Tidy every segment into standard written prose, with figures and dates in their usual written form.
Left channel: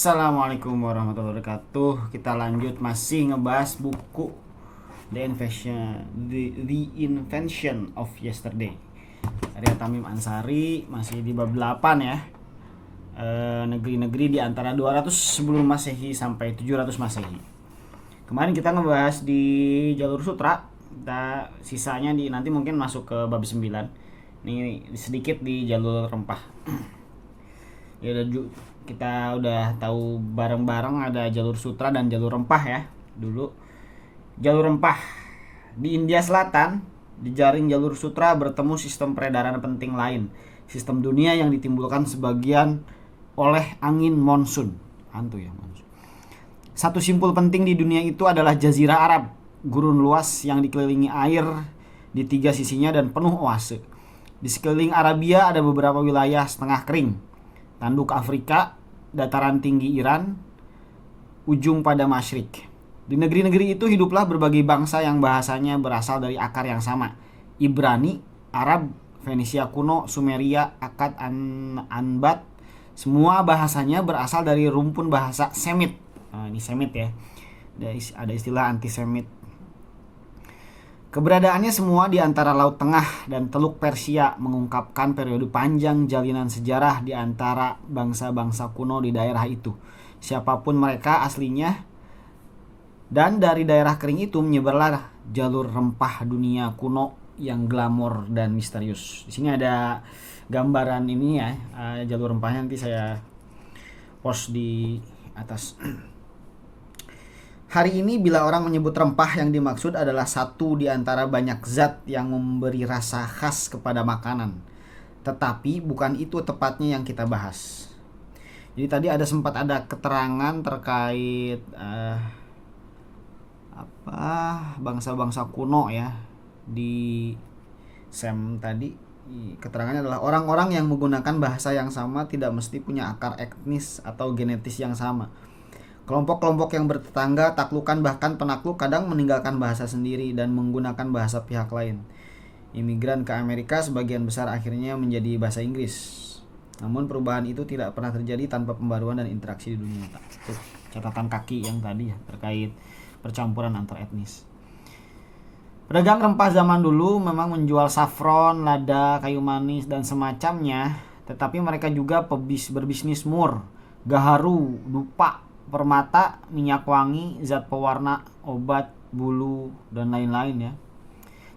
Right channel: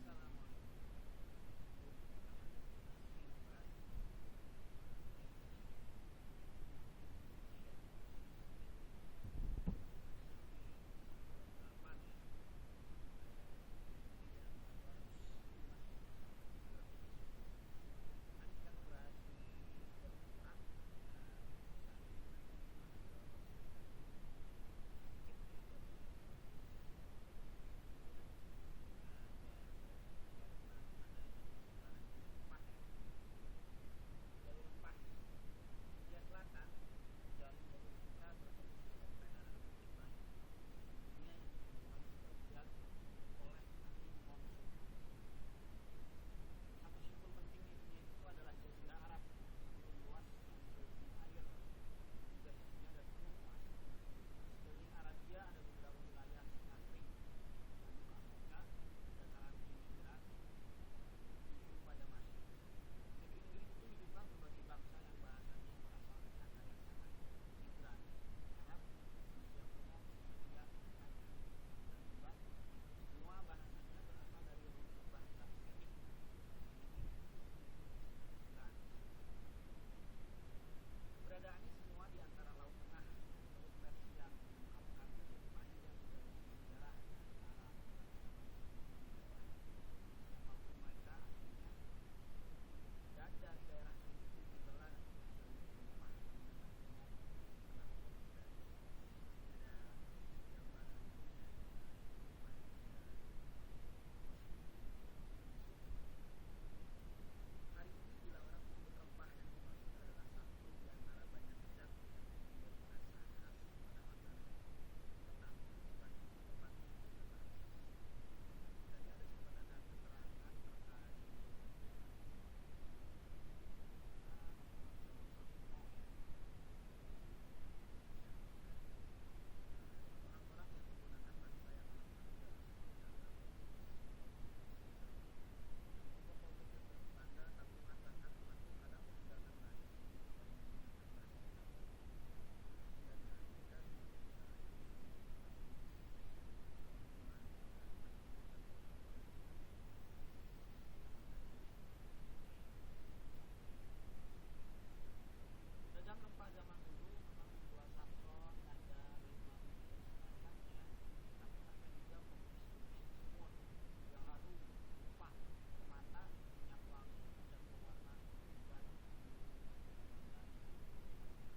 Assalamualaikum warahmatullahi wabarakatuh. Kita lanjut masih ngebahas buku The Invention of Yesterday karya Tamim Ansari, masih di bab 8 ya. Negeri-negeri di antara 200 sebelum Masehi sampai 700 Masehi. Kemarin kita ngebahas di jalur sutra, kita sisanya nanti mungkin masuk ke bab 9. Ini sedikit di jalur rempah. Ya kita udah tahu bareng-bareng ada jalur sutra dan jalur rempah ya. Dulu jalur rempah di India Selatan, di jaring jalur sutra bertemu sistem peredaran penting lain, sistem dunia yang ditimbulkan sebagian oleh angin monsun. Satu simpul penting di dunia itu adalah Jazirah Arab, gurun luas yang dikelilingi air di tiga sisinya dan penuh oase. Di sekeliling Arabia ada beberapa wilayah setengah kering, tanduk Afrika, dataran tinggi Iran, ujung pada Masyrik. Di negeri-negeri itu hiduplah berbagai bangsa yang bahasanya berasal dari akar yang sama. Ibrani, Arab, Fenisia kuno, Sumeria, Akkad, Anbat, semua bahasanya berasal dari rumpun bahasa Semit. Nah, ini Semit ya. Ada istilah anti-Semit. Keberadaannya semua di antara Laut Tengah dan Teluk Persia mengungkapkan periode panjang jalinan sejarah di antara bangsa-bangsa kuno di daerah itu. Siapapun mereka aslinya, dan dari daerah kering itu menyebarlah jalur rempah dunia kuno yang glamor dan misterius. Di sini ada gambaran ini ya, jalur rempahnya nanti saya post di atas. Hari ini bila orang menyebut rempah, yang dimaksud adalah satu di antara banyak zat yang memberi rasa khas kepada makanan. Tetapi bukan itu tepatnya yang kita bahas. Jadi tadi sempat ada keterangan terkait bangsa-bangsa kuno ya. Di Sam tadi keterangannya adalah orang-orang yang menggunakan bahasa yang sama tidak mesti punya akar etnis atau genetis yang sama. Kelompok-kelompok yang bertetangga, taklukan bahkan penakluk kadang meninggalkan bahasa sendiri dan menggunakan bahasa pihak lain. Imigran ke Amerika sebagian besar akhirnya menjadi bahasa Inggris. Namun perubahan itu tidak pernah terjadi tanpa pembaruan dan interaksi di dunia nyata. Itu catatan kaki yang tadi ya, terkait percampuran antar etnis. Pedagang rempah zaman dulu memang menjual saffron, lada, kayu manis dan semacamnya, tetapi mereka juga berbisnis mur, gaharu, dupa, permata, minyak wangi, zat pewarna, obat, bulu, dan lain-lain ya.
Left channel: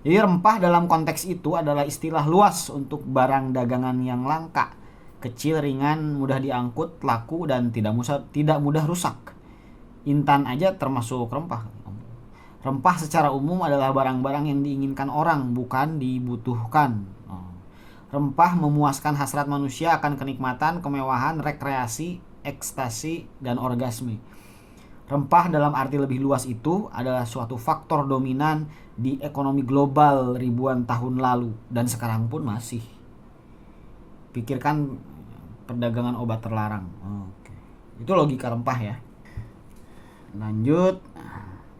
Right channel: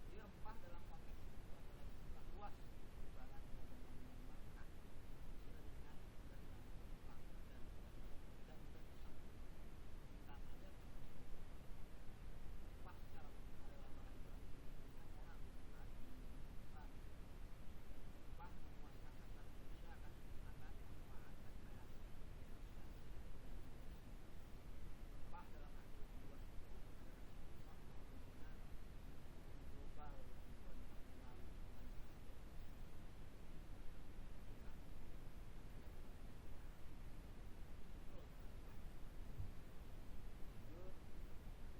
Jadi rempah dalam konteks itu adalah istilah luas untuk barang dagangan yang langka, kecil, ringan, mudah diangkut, laku, dan tidak mudah rusak. Intan aja termasuk rempah. Rempah secara umum adalah barang-barang yang diinginkan orang, bukan dibutuhkan. Rempah memuaskan hasrat manusia akan kenikmatan, kemewahan, rekreasi, ekstasi, dan orgasme. Rempah dalam arti lebih luas itu adalah suatu faktor dominan di ekonomi global ribuan tahun lalu dan sekarang pun masih. Pikirkan perdagangan obat terlarang. Itu logika rempah ya. Lanjut.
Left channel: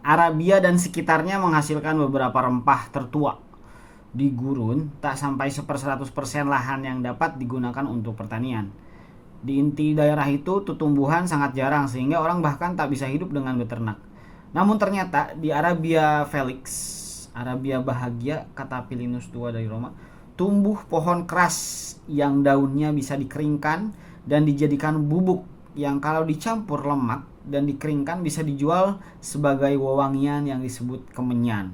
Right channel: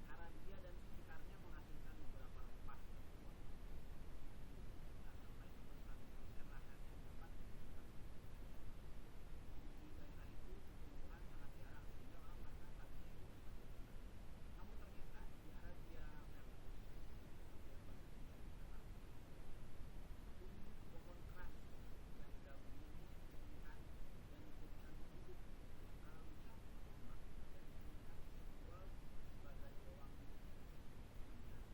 Arabia dan sekitarnya menghasilkan beberapa rempah tertua. Di gurun, tak sampai 100% lahan yang dapat digunakan untuk pertanian. Di inti daerah itu tumbuhan sangat jarang sehingga orang bahkan tak bisa hidup dengan beternak. Namun ternyata di Arabia Felix, Arabia bahagia, kata Pilinus II dari Roma, tumbuh pohon keras yang daunnya bisa dikeringkan dan dijadikan bubuk yang kalau dicampur lemak dan dikeringkan bisa dijual sebagai wewangian yang disebut kemenyan.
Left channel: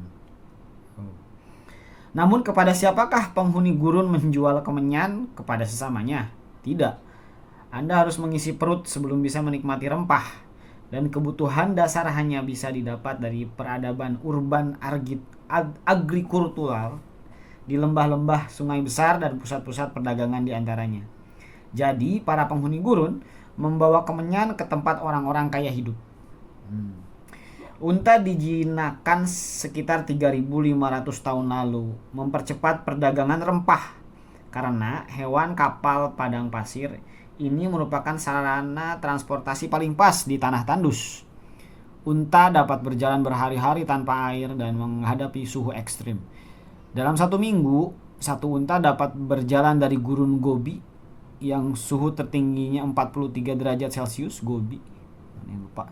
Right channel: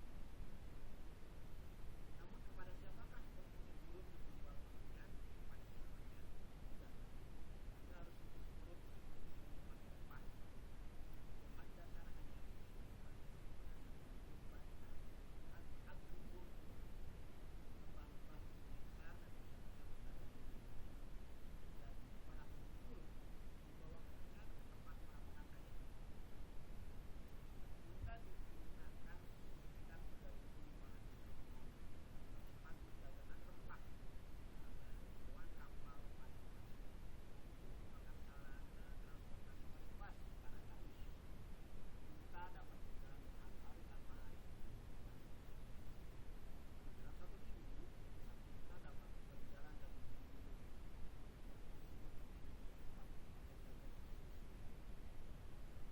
Namun kepada siapakah penghuni gurun menjual kemenyan? Kepada sesamanya? Tidak. Anda harus mengisi perut sebelum bisa menikmati rempah, dan kebutuhan dasar hanya bisa didapat dari peradaban urban agrikultural di lembah-lembah, sungai besar, dan pusat-pusat perdagangan di antaranya. Jadi para penghuni gurun membawa kemenyan ke tempat orang-orang kaya hidup. Unta dijinakan sekitar 3.500 tahun lalu mempercepat perdagangan rempah karena hewan kapal padang pasir ini merupakan sarana transportasi paling pas di tanah tandus. Unta dapat berjalan berhari-hari tanpa air dan menghadapi suhu ekstrim. Dalam 1 minggu, satu unta dapat berjalan dari gurun Gobi yang suhu tertingginya 43 derajat Celcius, Gobi. Ini lupa.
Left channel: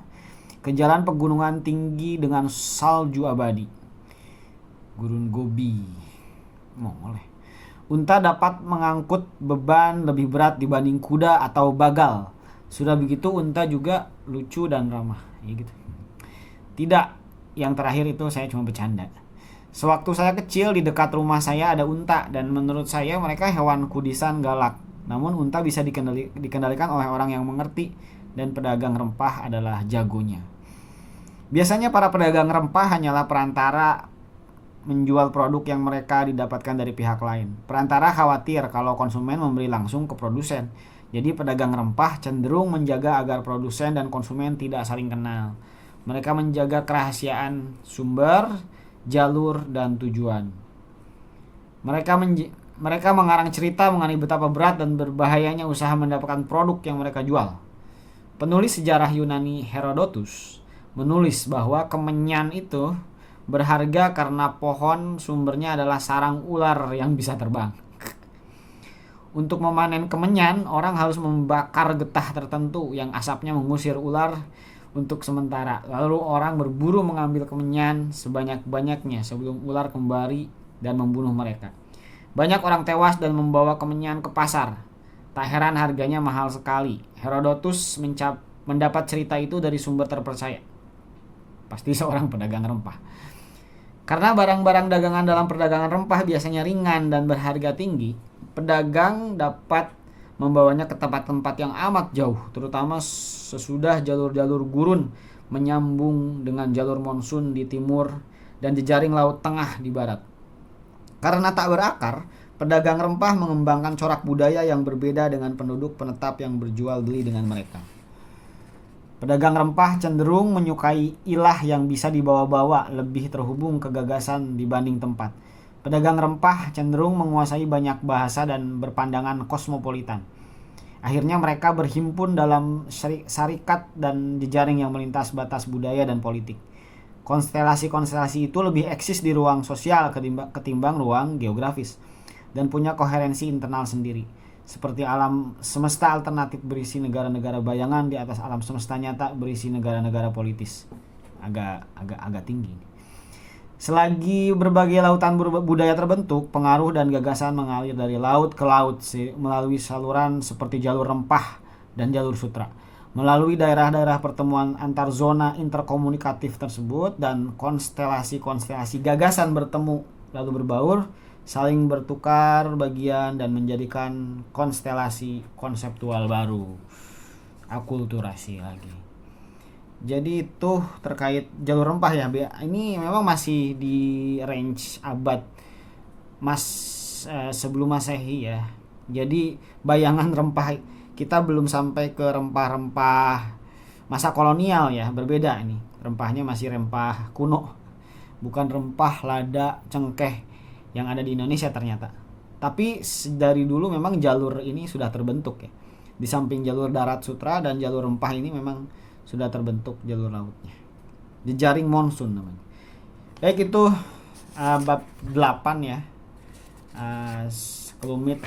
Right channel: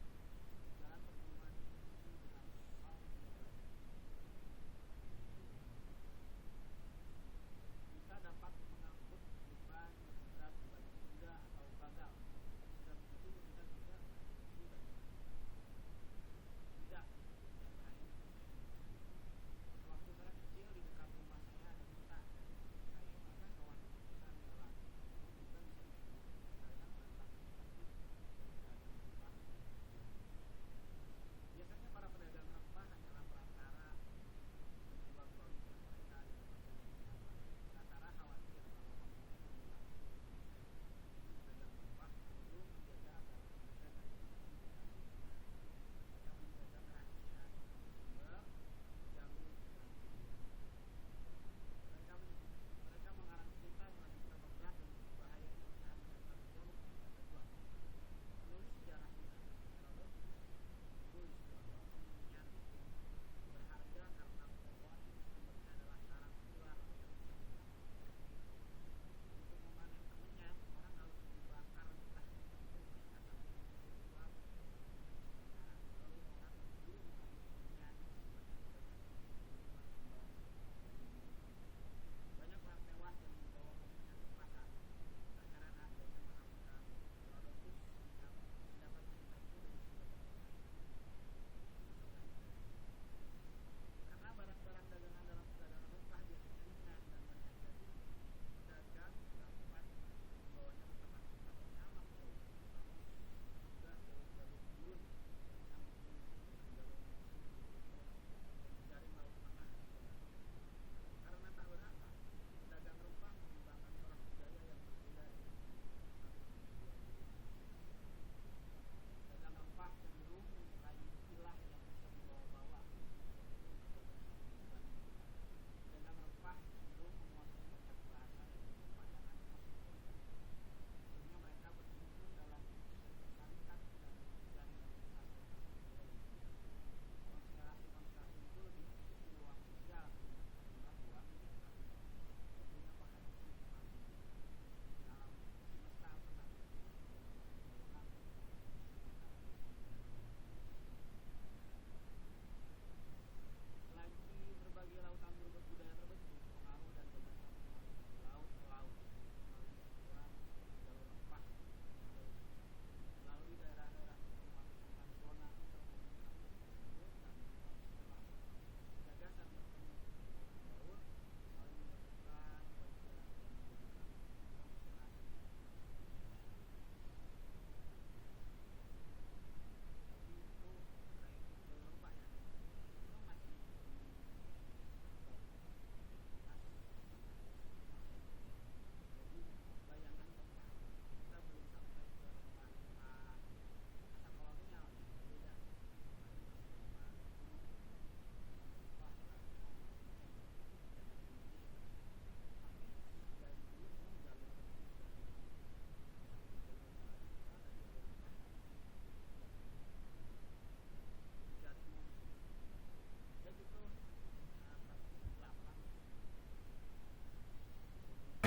Ke jalan pegunungan tinggi dengan salju abadi, Gurun Gobi. Boleh. Unta dapat mengangkut beban lebih berat dibanding kuda atau bagal. Sudah begitu unta juga lucu dan ramah. Ya gitu. Tidak, yang terakhir itu saya cuma bercanda. Sewaktu saya kecil di dekat rumah saya ada unta dan menurut saya mereka hewan kudisan galak. Namun unta bisa dikendalikan oleh orang yang mengerti dan pedagang rempah adalah jagonya. Biasanya para pedagang rempah hanyalah perantara menjual produk yang mereka didapatkan dari pihak lain. Perantara khawatir kalau konsumen membeli langsung ke produsen. Jadi pedagang rempah cenderung menjaga agar produsen dan konsumen tidak saling kenal. Mereka menjaga kerahasiaan sumber, jalur, dan tujuan. Mereka mengarang cerita mengenai betapa berat dan berbahayanya usaha mendapatkan produk yang mereka jual. Penulis sejarah Yunani Herodotus menulis bahwa kemenyan itu berharga karena pohon sumbernya adalah sarang ular yang bisa terbang. Untuk memanen kemenyan, orang harus membakar getah tertentu yang asapnya mengusir ular untuk sementara. Lalu orang berburu mengambil kemenyan sebanyak-banyaknya sebelum ular kembali dan membunuh mereka. Banyak orang tewas dan membawa kemenyan ke pasar. Tak heran harganya mahal sekali. Herodotus mendapat cerita itu dari sumber terpercaya. Pasti seorang pedagang rempah. Karena barang-barang dagangan dalam perdagangan rempah biasanya ringan dan berharga tinggi, pedagang dapat membawanya ke tempat-tempat yang amat jauh, terutama sesudah jalur-jalur gurun menyambung dengan jalur monsun di timur dan jejaring laut tengah di barat. Karena tak berakar, pedagang rempah mengembangkan corak budaya yang berbeda dengan penduduk penetap yang berjual beli dengan mereka. Pedagang rempah cenderung menyukai ilah yang bisa dibawa-bawa, lebih terhubung ke gagasan dibanding tempat. Pedagang rempah cenderung menguasai banyak bahasa dan berpandangan kosmopolitan. Akhirnya mereka berhimpun dalam syarikat dan jejaring yang melintas batas budaya dan politik. Konstelasi-konstelasi itu lebih eksis di ruang sosial ketimbang ruang geografis dan punya koherensi internal sendiri. Seperti alam semesta alternatif berisi negara-negara bayangan di atas alam semesta nyata berisi negara-negara politis. Agak tinggi. Selagi berbagai lautan budaya terbentuk, pengaruh dan gagasan mengalir dari laut ke laut melalui saluran seperti jalur rempah dan jalur sutra. Melalui daerah-daerah pertemuan antar zona interkomunikatif tersebut dan konstelasi-konstelasi gagasan bertemu lalu berbaur, saling bertukar bagian dan menjadikan konstelasi konseptual baru. Akulturasi lagi. Jadi itu terkait jalur rempah ya. Ini memang masih di range abad sebelum Masehi ya. Jadi bayangan rempah kita belum sampai ke rempah-rempah masa kolonial ya, berbeda ini. Rempahnya masih rempah kuno. Bukan rempah lada, cengkeh yang ada di Indonesia ternyata. Tapi dari dulu memang jalur ini sudah terbentuk ya. Di samping jalur darat sutra dan jalur rempah ini memang sudah terbentuk jalur lautnya. Jejaring monsun namanya. Baik, itu bab 8 ya. Sekelumit